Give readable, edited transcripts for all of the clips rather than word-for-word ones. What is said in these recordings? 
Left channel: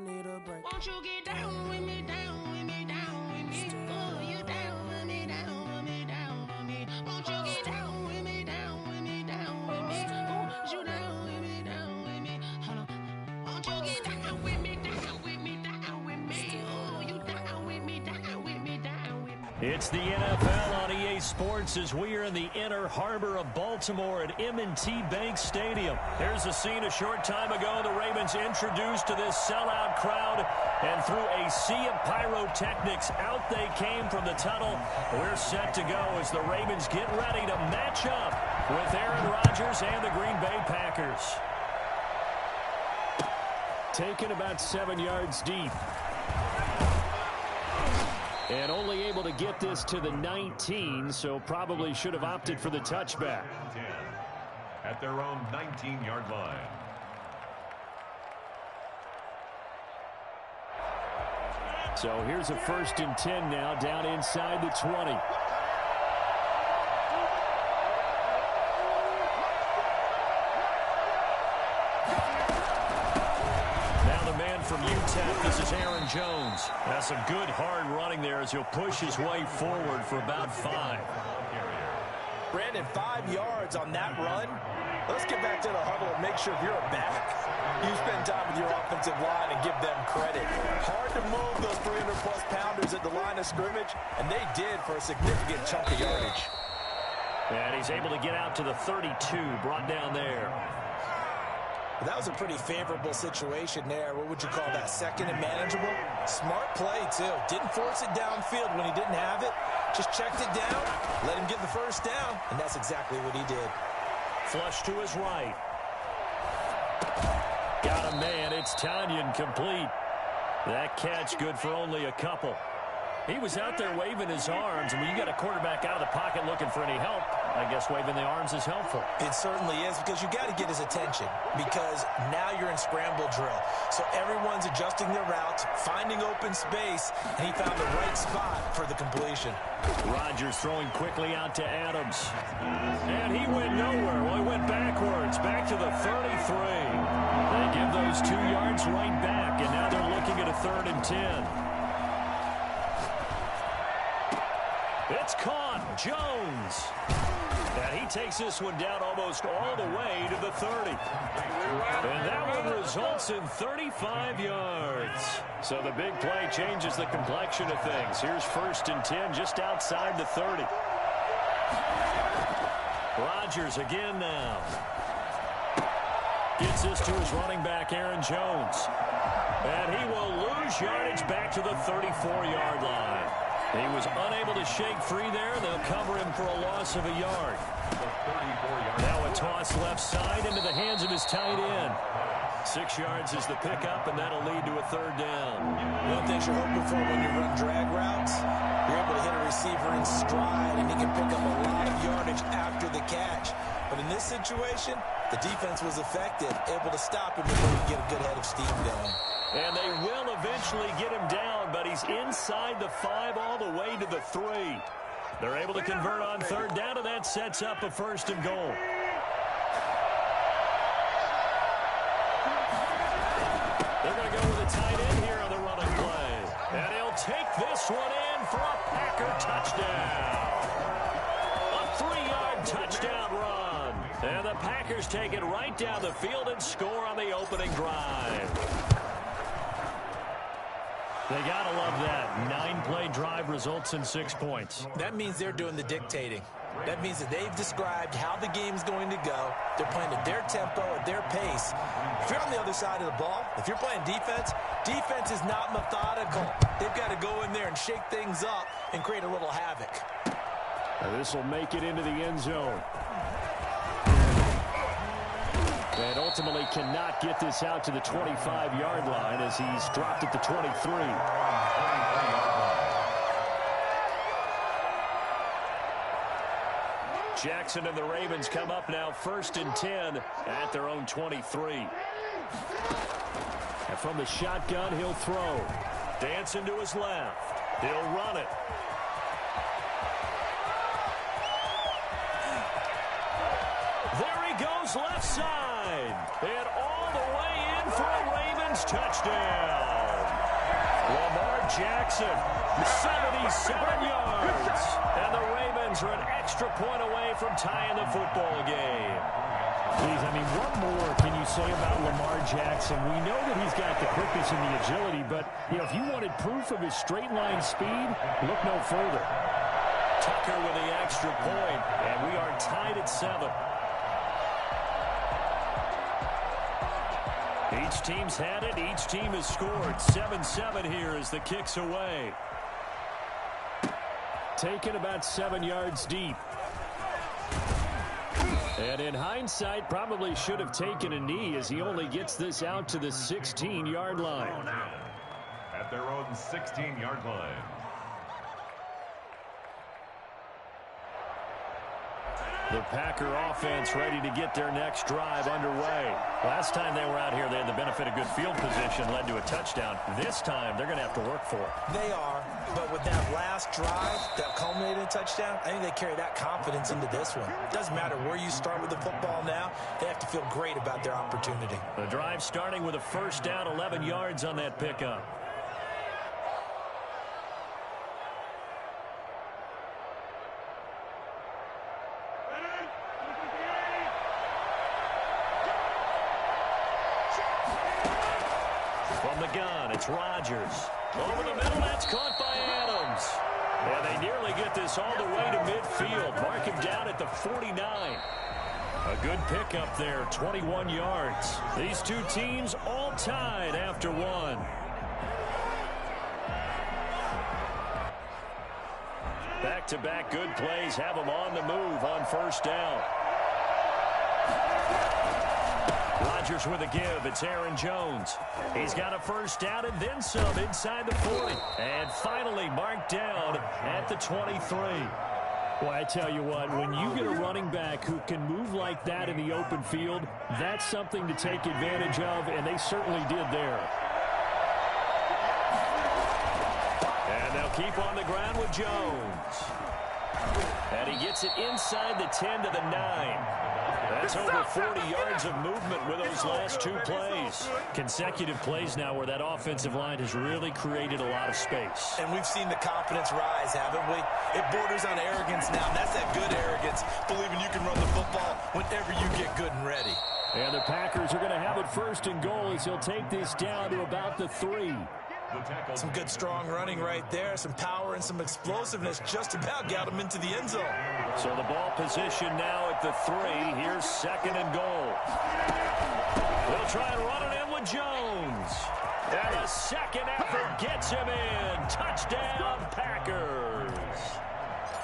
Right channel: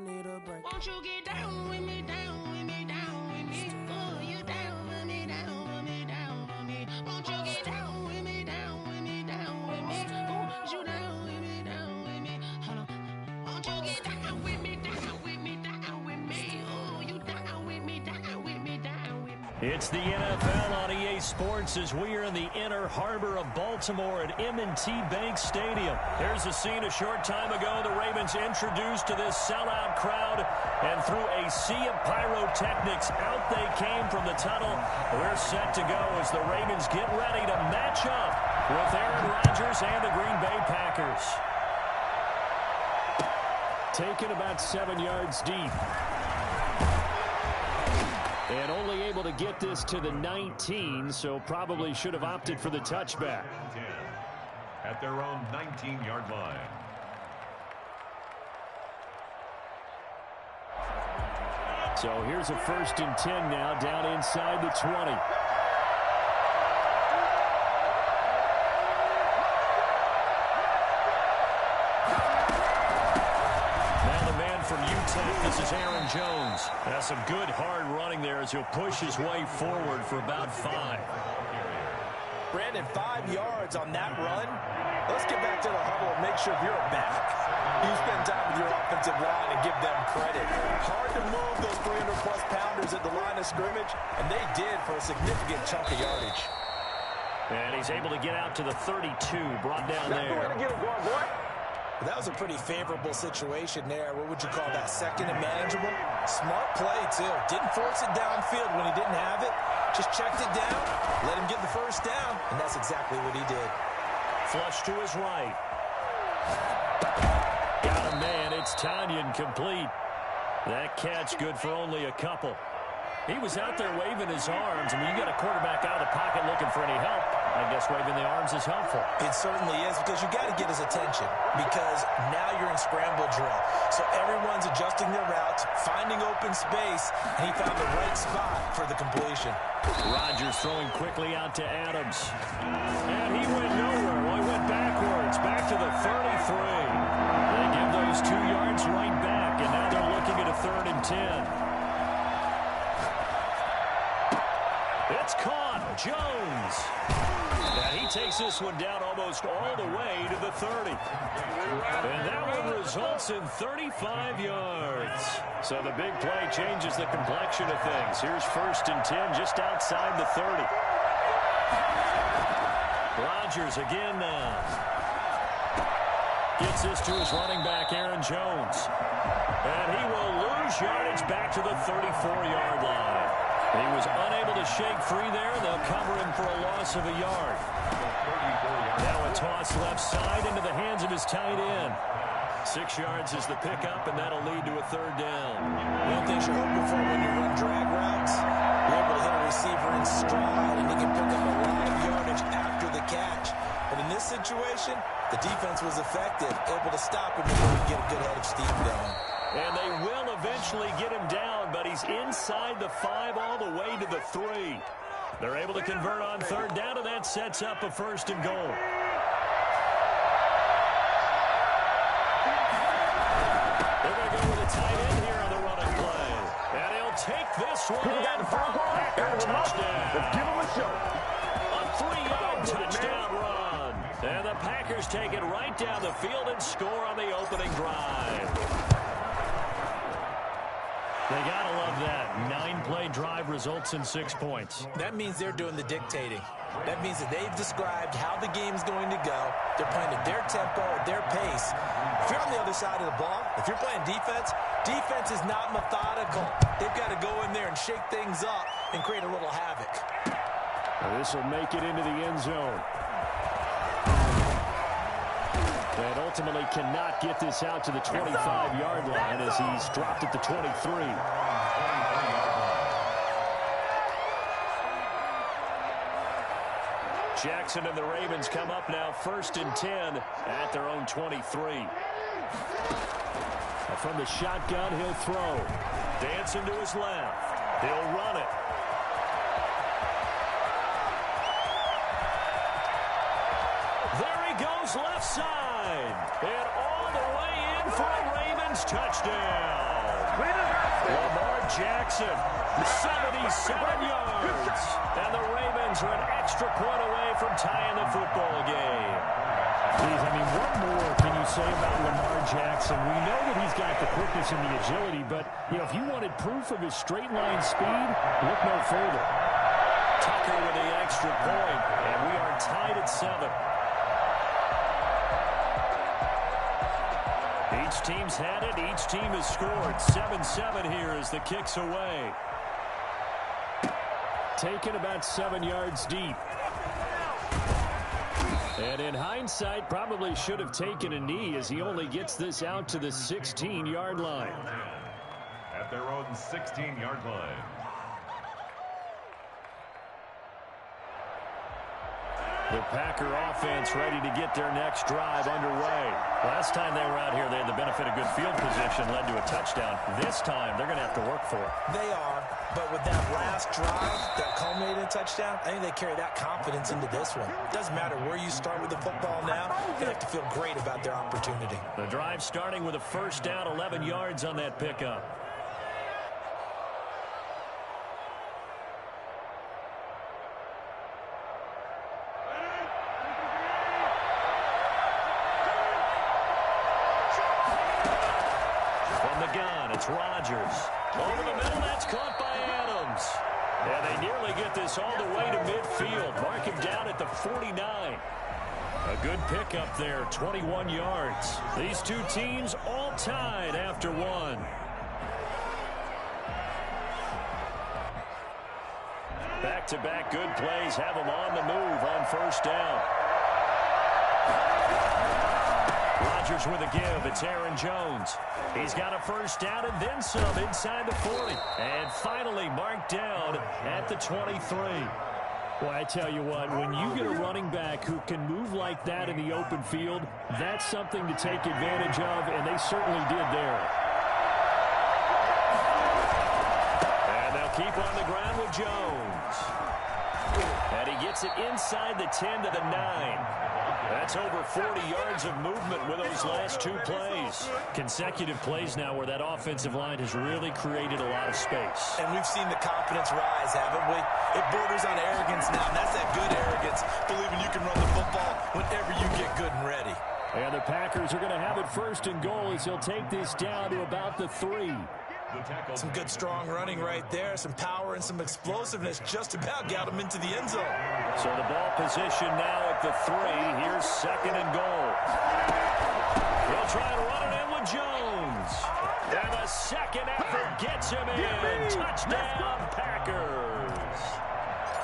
need a break. Won't you get down with me, down with me, down with me? Oh, you down with me, down with me, down with me. Won't you get down with me, down with me, down with me? Oh, you down with me, down with me? Hold on. Won't you get down with me, down with me, down with me? Oh, you down with me, down with me, down with me? It's the NFL on EA Sports as we are in the inner harbor of Baltimore at M&T Bank Stadium. Here's a scene a short time ago. The Ravens introduced to this sellout crowd, and through a sea of pyrotechnics, out they came from the tunnel. We're set to go as the Ravens get ready to match up with Aaron Rodgers and the Green Bay Packers. Taken about 7 yards deep. And only able to get this to the 19, so probably should have opted for the touchback. At their own 19-yard line. So here's a 1st and 10 now, down inside the 20. From UTEP, this is Aaron Jones. That's some good hard running there as he'll push his way forward for about 5. Brandon, 5 yards on that run. Let's get back to the huddle and make sure you're back. You spend time with your offensive line and give them credit. Hard to move those 300-plus pounders at the line of scrimmage, and they did for a significant chunk of yardage. And he's able to get out to the 32, brought down there. That was a pretty favorable situation there. What would you call that? Second and manageable? Smart play, too. Didn't force it downfield when he didn't have it. Just checked it down, let him get the first down, and that's exactly what he did. Flush to his right. Got a man. It's Tanyan complete. That catch good for only a couple. He was out there waving his arms, and when you got a quarterback out of the pocket looking for any help, I guess waving the arms is helpful. It certainly is, because you got to get his attention, because now you're in scramble drill. So everyone's adjusting their routes, finding open space, and he found the right spot for the completion. Rodgers throwing quickly out to Adams. And he went nowhere. Well, he went backwards, back to the 33. They give those 2 yards right back, and now they're looking at a 3rd and 10. It's caught. Jones. And he takes this one down almost all the way to the 30. And that one results in 35 yards. So the big play changes the complexion of things. Here's 1st and 10 just outside the 30. Rodgers again now. Gets this to his running back, Aaron Jones. And he will lose yardage back to the 34-yard line. He was unable to shake free there. They'll cover him for a loss of a yard. Now a toss left side into the hands of his tight end. 6 yards is the pickup, and that'll lead to a 3rd down. One thing you're hoping for when you run drag routes, you're able to hit a receiver in stride, and he can pick up a lot of yardage after the catch. But in this situation, the defense was effective, able to stop him before he get a good head of steam going. And they will eventually get him down, but he's inside the 5 all the way to the 3. They're able to convert on 3rd down, and that sets up a 1st and goal. They're going to go with a tight end here on the running play. And he'll take this one in for a Packer touchdown. A 3-yard touchdown run. And the Packers take it right down the field and score on the opening drive. They got to love that. 9-play drive results in 6 points. That means they're doing the dictating. That means that they've described how the game's going to go. They're playing at their tempo, at their pace. If you're on the other side of the ball, if you're playing defense, defense is not methodical. They've got to go in there and shake things up and create a little havoc. This will make it into the end zone. And ultimately cannot get this out to the 25-yard line as he's dropped at the 23. Jackson and the Ravens come up now 1st and 10 at their own 23. And from the shotgun, he'll throw. Dancing to his left. He'll run it. There he goes left side. And all the way in for a Ravens touchdown. Lamar Jackson, 77 yards. And the Ravens are an extra point away from tying the football game. Please, I mean, what more can you say about Lamar Jackson? We know that he's got the quickness and the agility, but, you know, if you wanted proof of his straight line speed, look no further. Tucker with the extra point, and we are tied at 7. Each team's had it. Each team has scored. 7-7 here as the kick's away. Taken about 7 yards deep. And in hindsight, probably should have taken a knee as he only gets this out to the 16-yard line. At their own 16-yard line. The Packer offense ready to get their next drive underway. Last time they were out here, they had the benefit of good field position, led to a touchdown. This time, they're going to have to work for it. They are, but with that last drive that culminated in a touchdown, I think they carry that confidence into this one. It doesn't matter where you start with the football now. They have to feel great about their opportunity. The drive starting with a first down, 11 yards on that pickup. From the gun, it's Rodgers. Over the middle, that's caught by Adams. And they nearly get this all the way to midfield. Mark him down at the 49. A good pickup there, 21 yards. These two teams all tied after one. Back-to-back good plays have them on the move on first down. Rodgers with a give. It's Aaron Jones. He's got a first down and then some inside the 40. And finally marked down at the 23. Well, I tell you what, when you get a running back who can move like that in the open field, that's something to take advantage of, and they certainly did there. And they'll keep on the ground with Jones. And he gets it inside the 10 to the 9. That's over 40 yards of movement with those last two plays. Consecutive plays now where that offensive line has really created a lot of space. And we've seen the confidence rise, haven't we? It borders on arrogance now, and that's that good arrogance, believing you can run the football whenever you get good and ready. And the Packers are going to have it first and goal as he'll take this down to about the 3. Some good strong running right there, some power and some explosiveness just about got him into the end zone. So the ball position now at the 3. Here's second and goal. They'll try and run it in with Jones. And the second effort gets him in. Touchdown, Packers.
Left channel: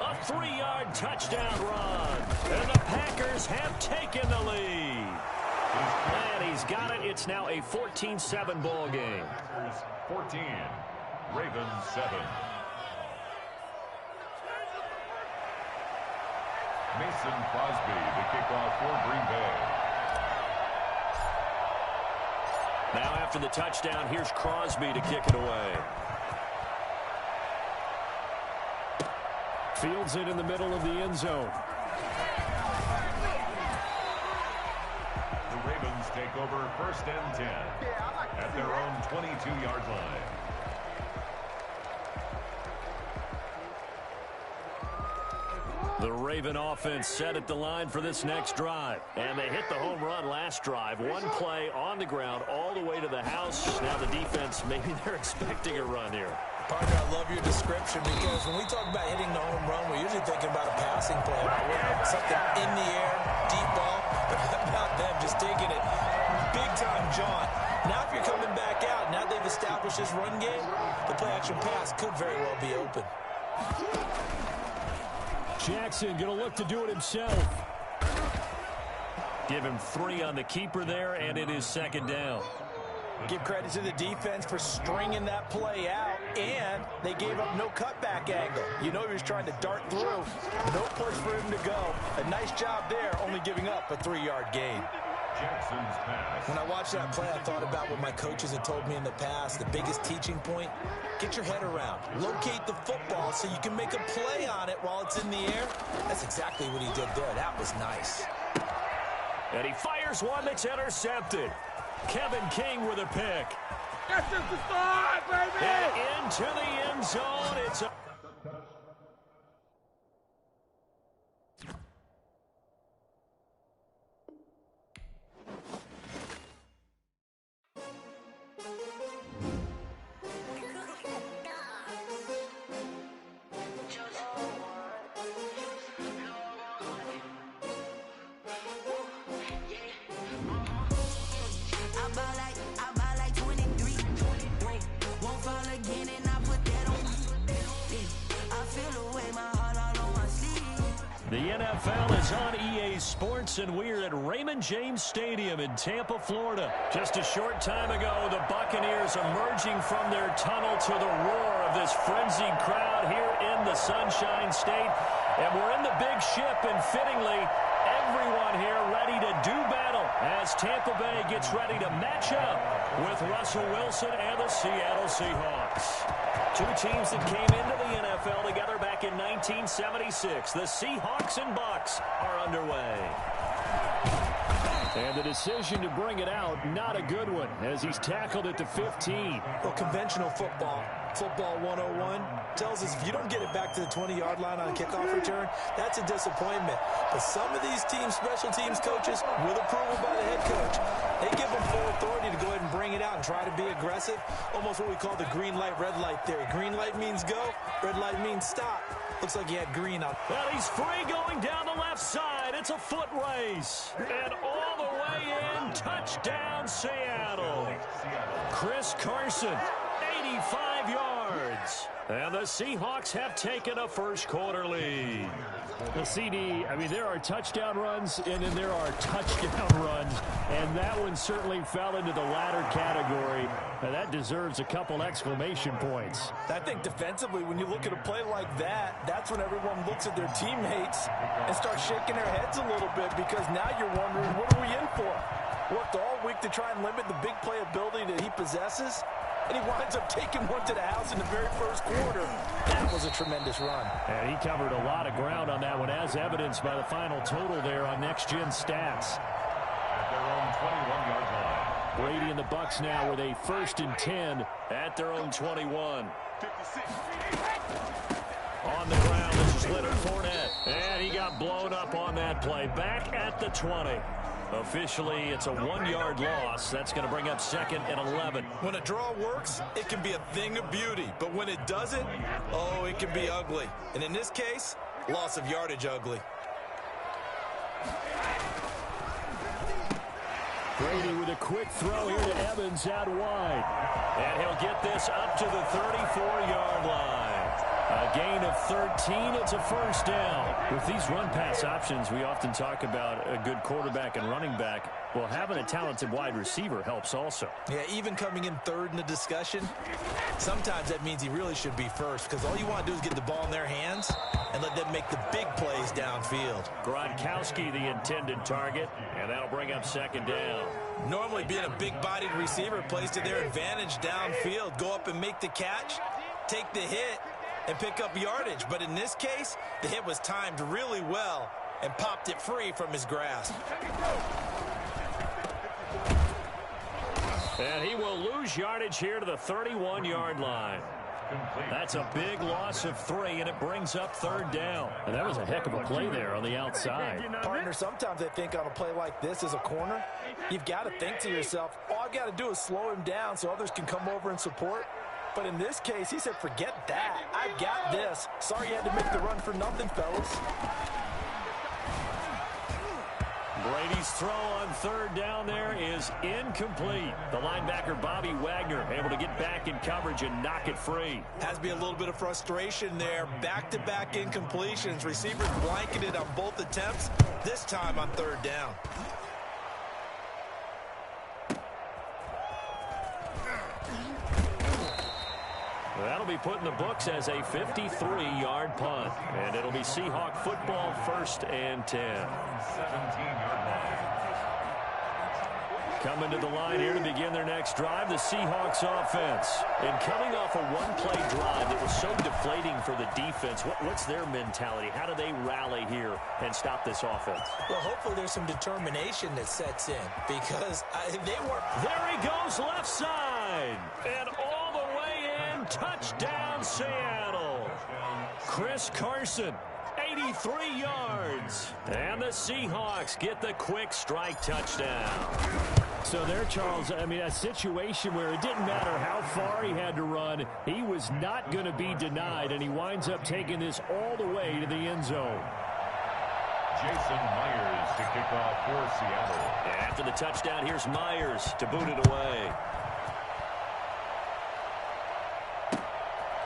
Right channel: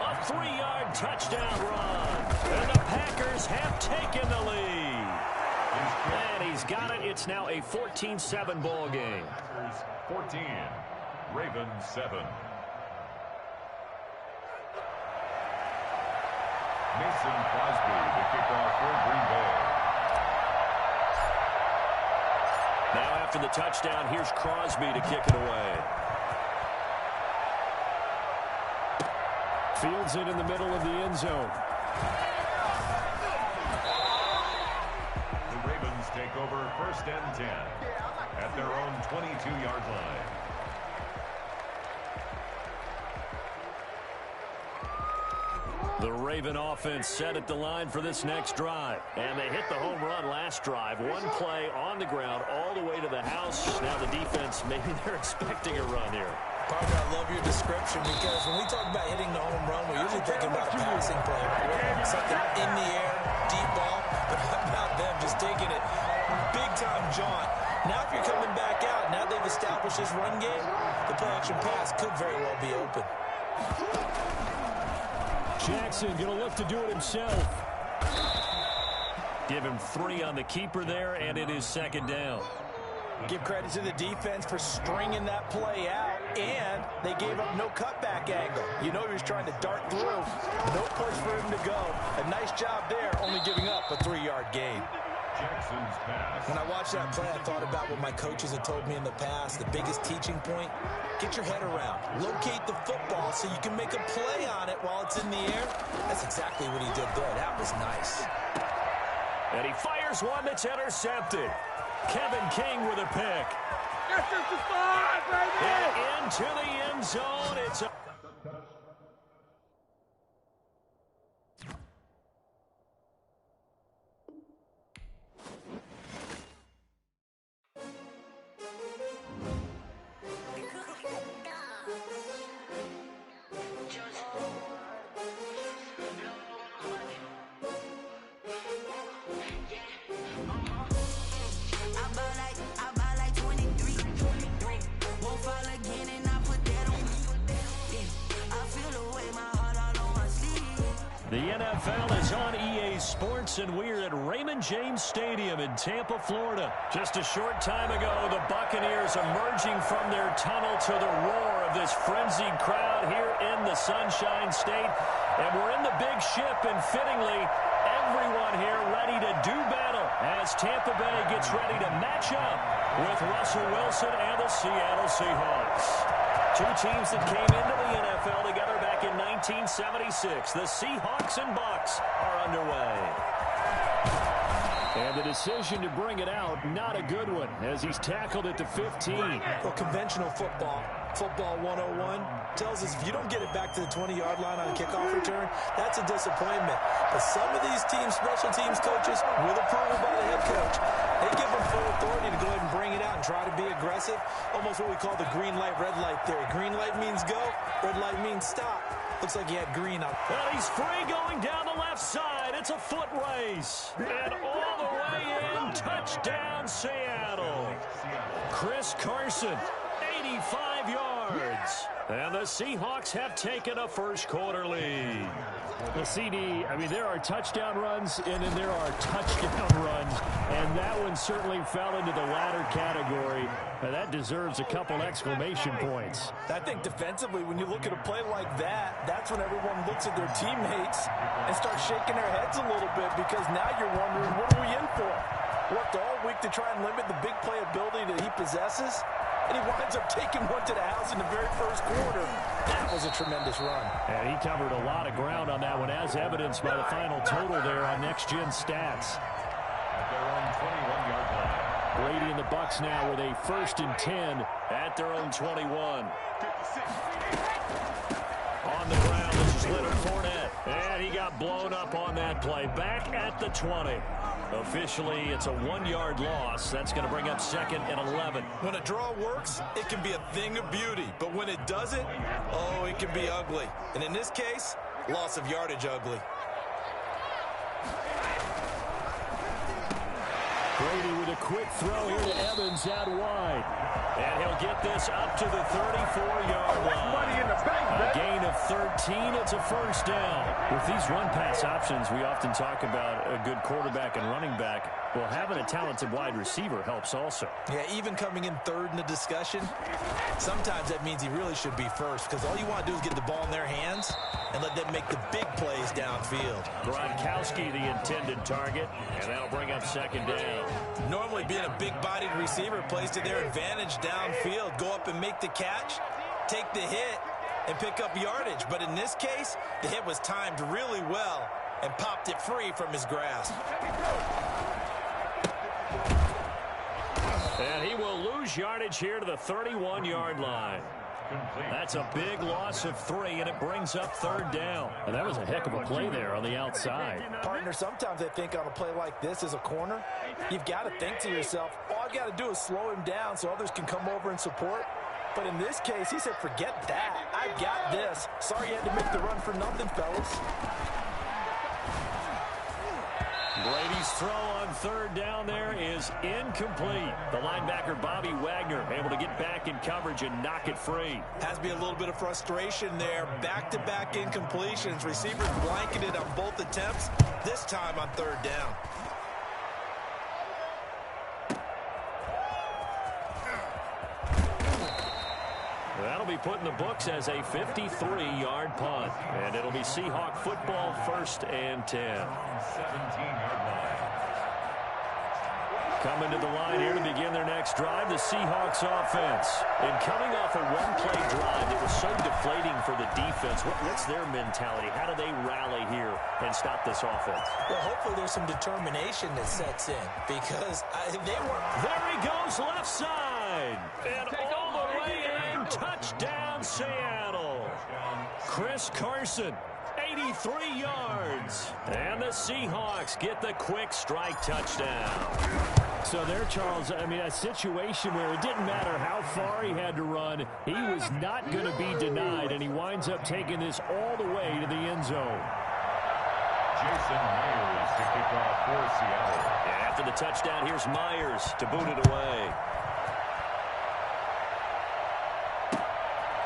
A 3-yard touchdown run. And the Packers have taken the lead. And he's got it. It's now a 14-7 ball game. 14, Ravens 7. Mason Crosby, the kickoff for Green Bay. Now after the touchdown, here's Crosby to kick it away. Fields it in the middle of the end zone. The Ravens take over first and 10 at their own 22-yard line. The Raven offense set at the line for this next drive. And they hit the home run last drive. One play on the ground all the way to the house. Now the defense, maybe they're expecting a run here. Partner, I love your description because when we talk about hitting the home run, we're usually thinking about a passing play. Something in the air, deep ball. But how about them just taking it big-time jaunt? Now if you're coming back out, now they've established this run game, the play-action pass could very well be open. Jackson going to look to do it himself. Give him 3 on the keeper there, and it is second down. Give credit to the defense for stringing that play out, and they gave up no cutback angle. You know he was trying to dart through. No place for him to go. A nice job there, only giving up a 3-yard gain. Jackson's pass. When I watched that play, I thought about what my coaches had told me in the past. The biggest teaching point, get your head around. Locate the football so you can make a play on it while it's in the air. That's exactly what he did there. That was nice. And he fires one that's intercepted. Kevin King with a pick. That's just the start, baby! And into the end zone. It's a... I buy like 23. Won't fall again and I put that on me. Yeah, I feel away my heart all on my sleeve. The NFL is on EA Sports, and we're at Raymond James Stadium in Tampa, Florida. Just a short time ago, the Buccaneers emerging from their tunnel to the roar of this frenzied crowd here in the Sunshine State. And we're in the big ship, and fittingly, everyone here ready to do battle as Tampa Bay gets ready to match up with Russell Wilson and the Seattle Seahawks. Two teams that came into the NFL together back in 1976. The Seahawks and Bucks are underway. And the decision to bring it out, not a good one, as he's tackled at the 15. Well, conventional football 101, tells us if you don't get it back to the 20-yard line on a kickoff return, that's a disappointment. But some of these teams, special teams coaches, with approval by the head coach, they give them full authority to go ahead and bring it out and try to be aggressive, almost what we call the green light, red light theory. Green light means go, red light means stop. Looks like he had green on. Well, he's free going down the left side. It's a foot race. And all the way in, touchdown Seattle. Chris Carson, 85 yards. And the Seahawks have taken a first quarter lead. The CD, I mean, there are touchdown runs, and then there are touchdown runs, and that one certainly fell into the latter category. That deserves a couple exclamation points. I think defensively, when you look at a play like that, that's when everyone looks at their teammates and starts shaking their heads a little bit, because now you're wondering, what are we in for? Worked all week to try and limit the big play ability that he possesses, and he winds up taking one to the house in the very first quarter. That was a tremendous run. And he covered a lot of ground on that one, as evidenced by the final total there on Next Gen Stats. At their own 21-yard line. Brady and the Bucks now with a 1st and 10 at their own 21. On the ground, this is Leonard Fournette. And he got blown up on that play. Back at the 20. Officially, it's a 1-yard loss. That's going to bring up 2nd and 11. When a draw works, it can be a thing of beauty. But when it doesn't, oh, it can be ugly. And in this case, loss of yardage ugly. Brady with a quick throw here to Evans out wide. And he'll get this up to the 34-yard line. A gain of 13. It's a first down. With these run-pass options, we often talk about a good quarterback and running back. Well, having a talented wide receiver helps also. Yeah, even coming in third in the discussion, sometimes that means he really should be first, because all you want to do is get the ball in their hands and let them make the big plays downfield. Gronkowski, the intended target, and that'll bring up 2nd down. Normally, being a big-bodied receiver plays to their advantage downfield. Go up and make the catch, take the hit, and pick up yardage. But in this case, the hit was timed really well and popped it free from his grasp. And he will lose yardage here to the 31-yard line. That's a big loss of 3, and it brings up 3rd down. And that was a heck of a play there on the outside. Partner, sometimes I think on a play like this as a corner, you've got to think to yourself, all I've got to do is slow him down so others can come over and support. But in this case, he said, forget that. I've got this. Sorry you had to make the run for nothing, fellas. Brady's throw on 3rd down there is incomplete. The linebacker, Bobby Wagner, able to get back in coverage and knock it free. Has to be a little bit of frustration there. Back-to-back incompletions. Receivers blanketed on both attempts, this time on 3rd down. That'll be put in the books as a 53-yard punt. And it'll be Seahawk football, 1st and 10. 17-yard line. Coming to the line here to begin their next drive, the Seahawks offense. And coming off a one-play drive that was so deflating for the defense, what's their mentality? How do they rally here and stop this offense? Well, hopefully there's some determination that sets in because they were. There he goes, left side. And all the way in, touchdown Seattle. Chris Carson. 83 yards. And the Seahawks get the quick strike touchdown. So there, Charles, I mean, a situation where it didn't matter how far he had to run, he was not going to be denied, and he winds up taking this all the way to the end zone. Jason Myers to kick off for Seattle. And after the touchdown, here's Myers to boot it away.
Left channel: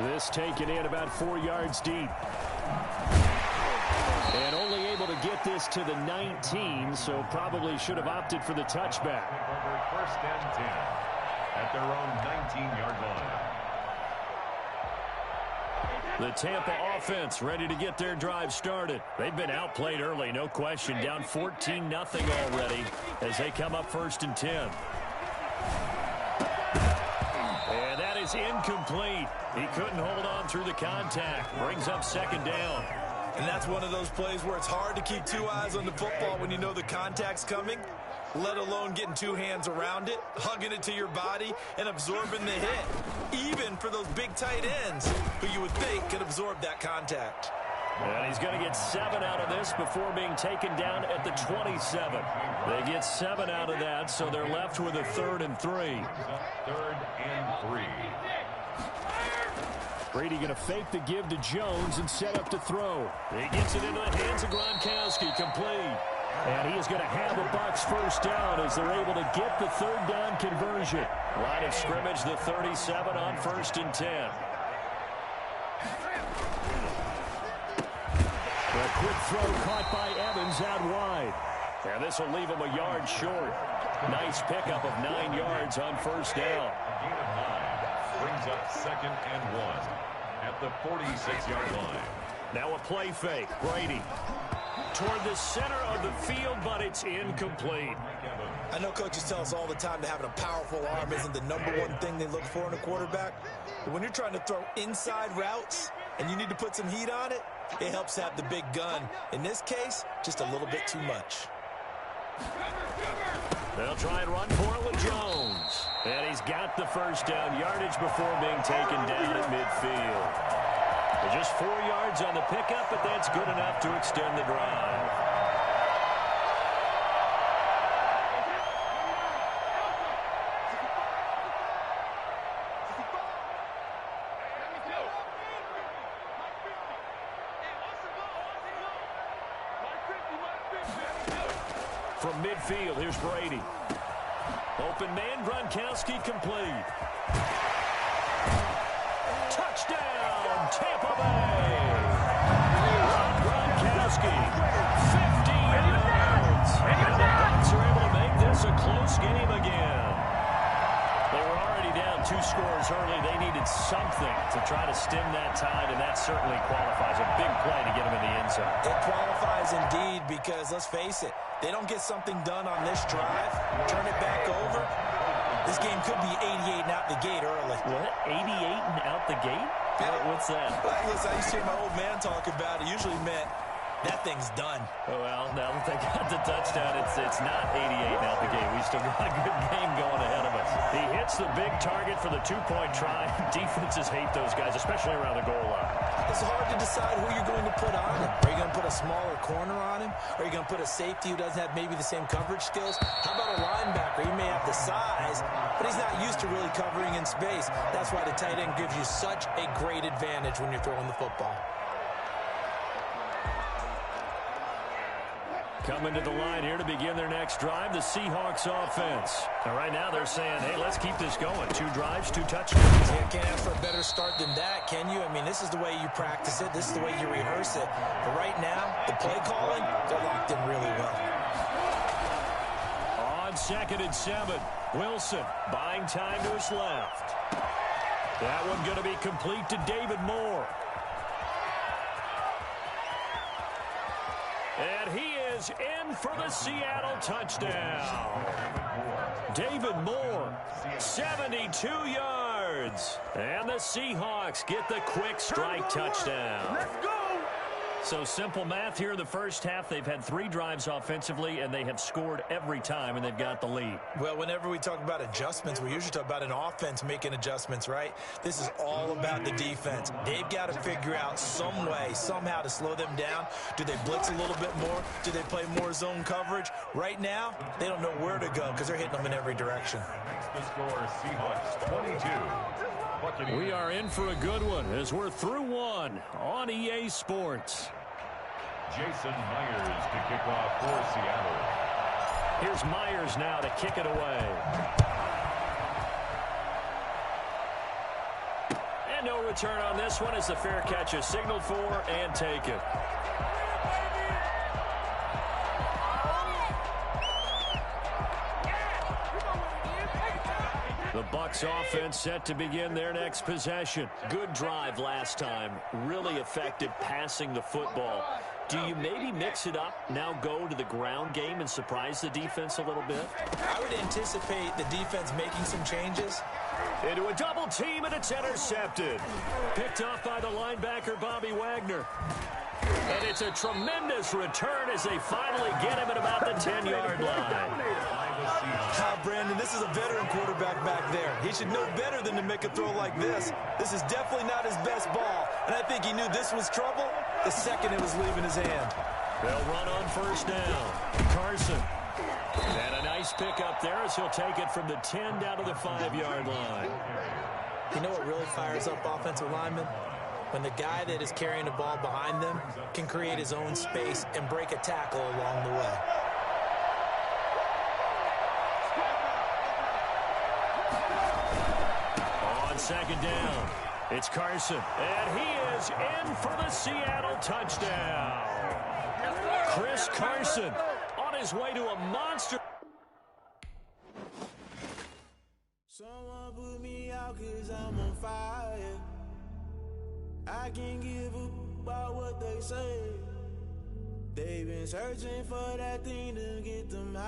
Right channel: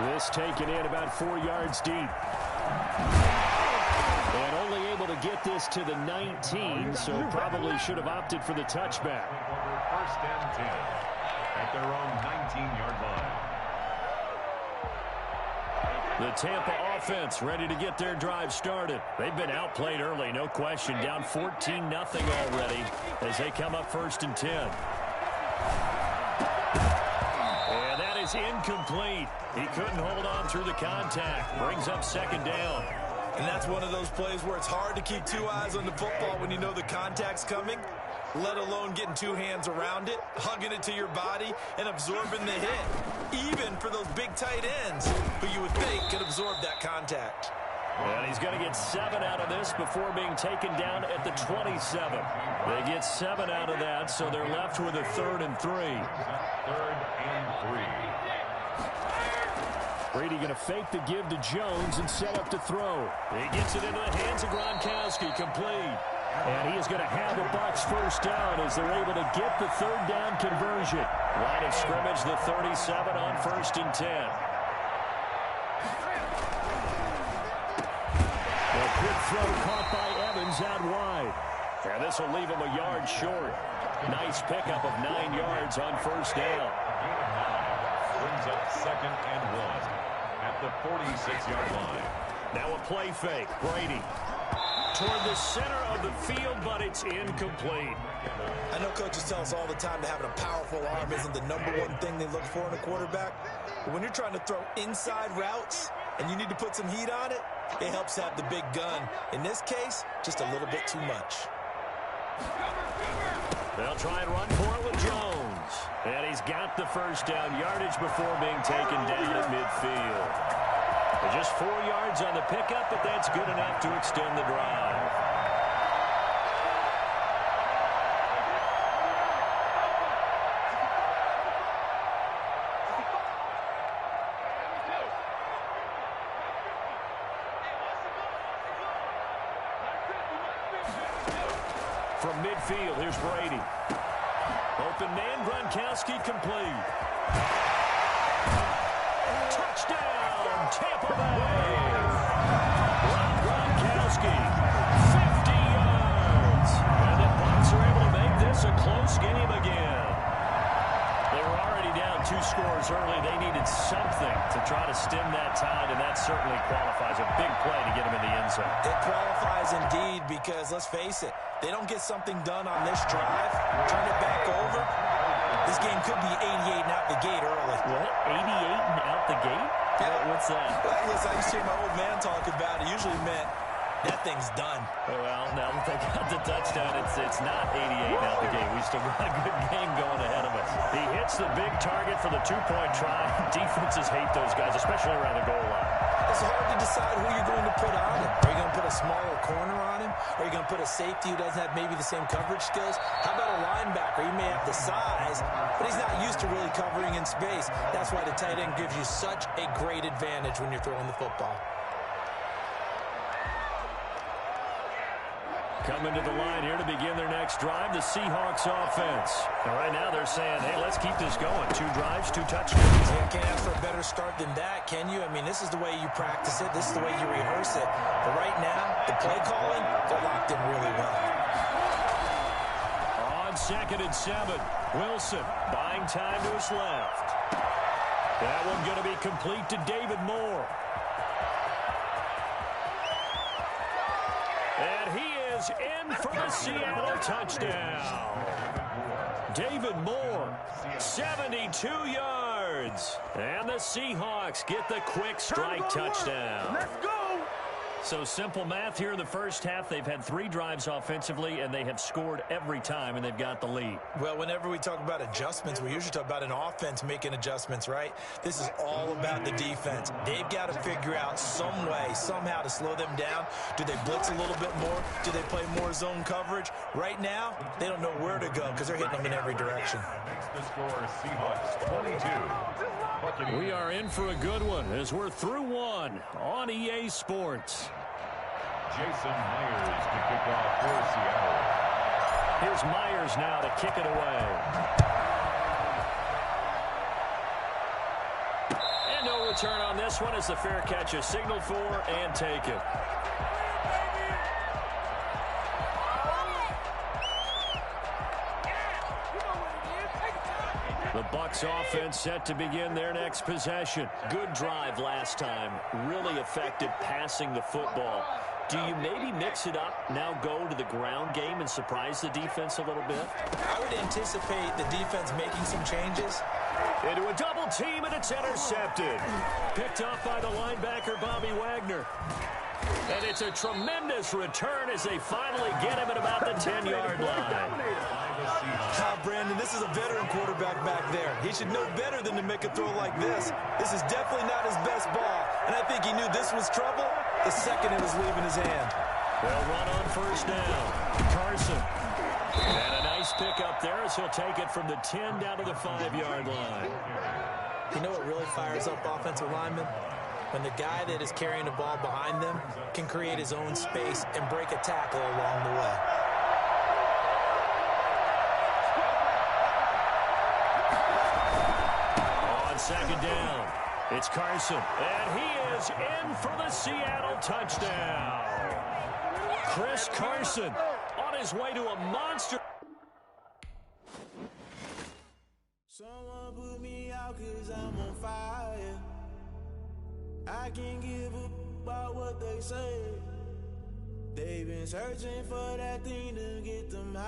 This taken in about 4 yards deep. And only able to get this to the 19, so probably should have opted for the touchback. Over 1st and 10 at their own 19-yard line. The Tampa offense ready to get their drive started. They've been outplayed early, no question. Down 14-0 already as they come up 1st and 10. And that is incomplete. He couldn't hold on through the contact. Brings up 2nd down. And that's one of those plays where it's hard to keep two eyes on the football when you know the contact's coming, let alone getting two hands around it, hugging it to your body, and absorbing the hit, even for those big tight ends who you would think could absorb that contact. And he's going to get 7 out of this before being taken down at the 27. They get 7 out of that, so they're left with a 3rd and 3. 3rd and 3. Brady going to fake the give to Jones and set up to throw. He gets it into the hands of Gronkowski, complete. And he is going to have a Bucs 1st down as they're able to get the 3rd down conversion. Line of scrimmage, the 37 on 1st and 10. A quick throw caught by Evans out wide. And this will leave him a yard short. Nice pickup of 9 yards on 1st down. A gain of 9 brings up 2nd and 1 at the 46-yard line. Now a play fake. Brady toward the center of the field, but it's incomplete. I know coaches tell us all the time that having a powerful arm isn't the #1 thing they look for in a quarterback. But when you're trying to throw inside routes and you need to put some heat on it, it helps have the big gun. In this case, just a little bit too much. They'll try and run for it with Jones. And he's got the 1st down yardage before being taken down at midfield. Just 4 yards on the pickup, but that's good enough to extend the drive. From midfield, here's Brady. Open man, Gronkowski complete. Touchdown, Tampa Bay. Rob Gronkowski, 50 yards. And the Bucs are able to make this a close game again. They were already down 2 scores early. They needed something to try to stem that tide, and that certainly qualifies. A big play to get them in the end zone. It qualifies indeed because, let's face it, they don't get something done on this drive, turn it back over, this game could be 88 and out the gate early. What? 88 and out the gate? Yeah. What's that? Well, listen, I used to hear my old man talk about it. Usually meant that thing's done. Well, now that they got the touchdown, it's not 88 and out the gate. We still got a good game going ahead of us. He hits the big target for the 2-point try. Defenses hate those guys, especially around the goal line. It's hard to decide who you're going to put on him. Are you going to put a smaller corner on him? Are you going to put a safety who doesn't have maybe the same coverage skills? How about a linebacker? He may have the size, but he's not used to really covering in space. That's why the tight end gives you such a great advantage when you're throwing the football. Coming to the line here to begin their next drive, the Seahawks offense. And right now they're saying, hey, let's keep this going. 2 drives, 2 touchdowns. Yeah, can't ask for a better start than that, can you? I mean, this is the way you practice it. This is the way you rehearse it. But right now, the play calling, they're locked in really well. On 2nd and 7, Wilson buying time to his left. That one going to be complete to David Moore. And he is in for the Seattle touchdown. David Moore, 72 yards. And the Seahawks get the quick strike touchdown. Let's go. So simple math here in the first half. They've had 3 drives offensively, and they have scored every time, and they've got the lead. Well, whenever we talk about adjustments, we usually talk about an offense making adjustments, right? This is all about the defense. They've got to figure out some way, somehow to slow them down. Do they blitz a little bit more? Do they play more zone coverage? Right now, they don't know where to go because they're hitting them in every direction. The score, Seahawks 22. Buccaneers. We are in for a good one as we're through one on EA Sports. Jason Myers to kick off for Seattle. Here's Myers now to kick it away. And no return on this one as the fair catch is signaled for and taken. The Bucs offense set to begin their next possession. Good drive last time. Really effective passing the football. Do you maybe mix it up, now go to the ground game and surprise the defense a little bit? I would anticipate the defense making some changes. Into a double team, and it's intercepted. Picked off by the linebacker, Bobby Wagner. And it's a tremendous return as they finally get him at about the 10-yard line. Brandon, this is a veteran quarterback back there. He should know better than to make a throw like this. This is definitely not his best ball, and I think he knew this was trouble the second it was leaving his hand. They'll run on first down. Carson. And a nice pick up there as he'll take it from the 10 down to the 5-yard line. You know what really fires up offensive linemen? When the guy that is carrying the ball behind them can create his own space and break a tackle along the way. On second down, it's Carson. And he is in for the Seattle touchdown. Chris Carson on his way to a monster. Someone put me out 'cause I'm on fire. I can't give up about what they say. They've been searching for that thing to get them high.